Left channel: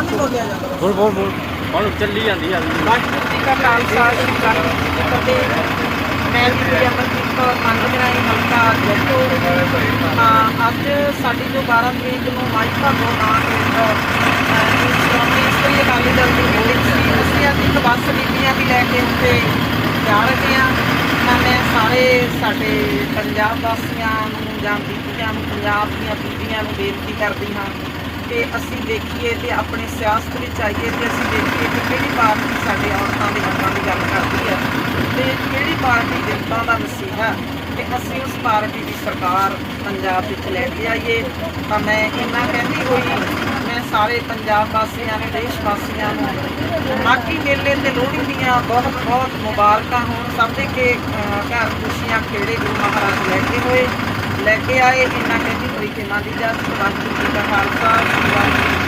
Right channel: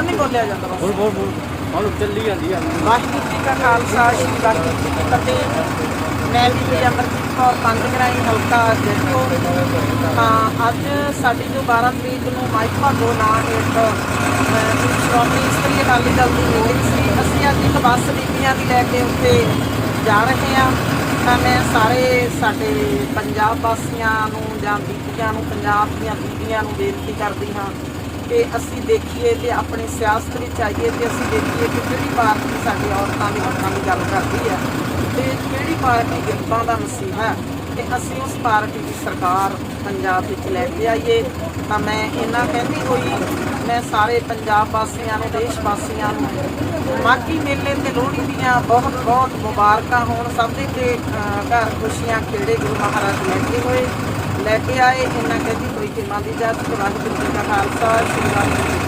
ਹੁਣ ਨਹੀਂ ਬੋਲਿਆ ਜਾਂਦਾ। ਬੋਲ ਬੋਲ ਬੋਲ। ਹੁਣ ਚੱਲੀ ਜਾਂਦੀ ਆ। ਵਾਹਿਗੁਰੂ ਜੀ ਕਾ ਖਾਲਸਾ ਸ੍ਰੀ ਵਾਹਿਗੁਰੂ ਜੀ ਕੀ ਫਤਿਹ। ਮੈਂ ਜੀ ਅਮਰਜੀਤ ਕੌਰ ਪੰਜਗਰਾਈ ਹਲਕਾ ਜੱਟੋ ਤਾਂ ਅੱਜ ਸਾਡੀ ਜੋ 12 ਤਰੀਕ ਨੂੰ ਮਾਈਕ ਭਾਗੋ ਨਾਂ ਹੇਠ ਅਹ, ਸ਼੍ਰੋਮਣੀ ਇਸਤਰੀ ਅਕਾਲੀ ਦਲ ਦੀ ਮੀਟਿੰਗ ਸੀ। ਅਸੀਂ ਅੱਜ ਇੱਕ ਬੱਸ ਬੀਬੀਆਂ ਵੀ ਲੈ ਕੇ ਉੱਤੇ ਜਾ ਰਹੇ ਹਾਂ। ਤਾਂ ਮੈਂ ਸਾਰੇ ਸਾਡੇ ਪੰਜਾਬ ਵਾਸੀਆਂ ਨੂੰ ਜਾਂ ਬੀਬੀਆਂ ਨੂੰ ਪੰਜਾਬ ਦੀਆਂ ਬੀਬੀਆਂ ਨੂੰ ਬੇਨਤੀ ਕਰਦੀ ਹਾਂ ਕਿ ਅਸੀਂ ਦੇਖੀਏ ਤੇ ਆਪਣੀ ਸਿਆਸਤ ਵਿੱਚ ਆਈਏ ਤੇ ਅਸੀਂ ਦੇਖੀਏ ਕਿ ਕਿਹੜੀ ਪਾਰਟੀ ਸਾਡੇ ਔਰਤਾਂ ਦੇ ਹੱਕਾਂ ਦੀ ਗੱਲ ਕਰਦੀ ਹੈ ਤੇ ਕਿਹੜੀ ਪਾਰਟੀ ਜਨਤਾ ਦਾ ਨਸੀਹਾ ਹੈ ਤੇ ਅਸੀਂ ਉਸ ਪਾਰਟੀ ਦੀ ਸਰਕਾਰ ਪੰਜਾਬ ਵਿੱਚ ਲੈ ਕੇ ਆਈਏ। ਤਾਂ ਮੈਂ ਇੰਨਾ ਕਹਿੰਦੀ ਹੋਈ ਮੈਂ ਸਾਰੇ ਪੰਜਾਬ ਵਾਸੀਆਂ ਨੂੰ, ਦੇਸ਼ ਵਾਸੀਆਂ ਨੂੰ ਮਾਘੀ ਮੇਲੇ ਤੇ ਲੋਹੜੀ ਦੀਆਂ ਬਹੁਤ ਬਹੁਤ ਮੁਬਾਰਕਾਂ ਹੋਣ। ਸਭ ਦੇ ਕੇ ਘਰ ਖੁਸ਼ੀਆਂ ਖੇੜੇ ਗੁਰੂ ਮਹਾਰਾਜ ਲੈ ਕੇ ਹੋਏ। ਲੈ ਕੇ ਆਏ। ਇੰਨਾ ਕਹਿੰਦੀ ਹੋਈ ਕਿ ਮਾਂ ਦੀ ਜਾਤ ਵਾਹਿਗੁਰੂ ਜੀ ਦਾ ਖਾਲਸਾ, ਸ੍ਰੀ ਵਾਹਿਗੁਰੂ ਜੀ ਕੀ ਫਤਿਹ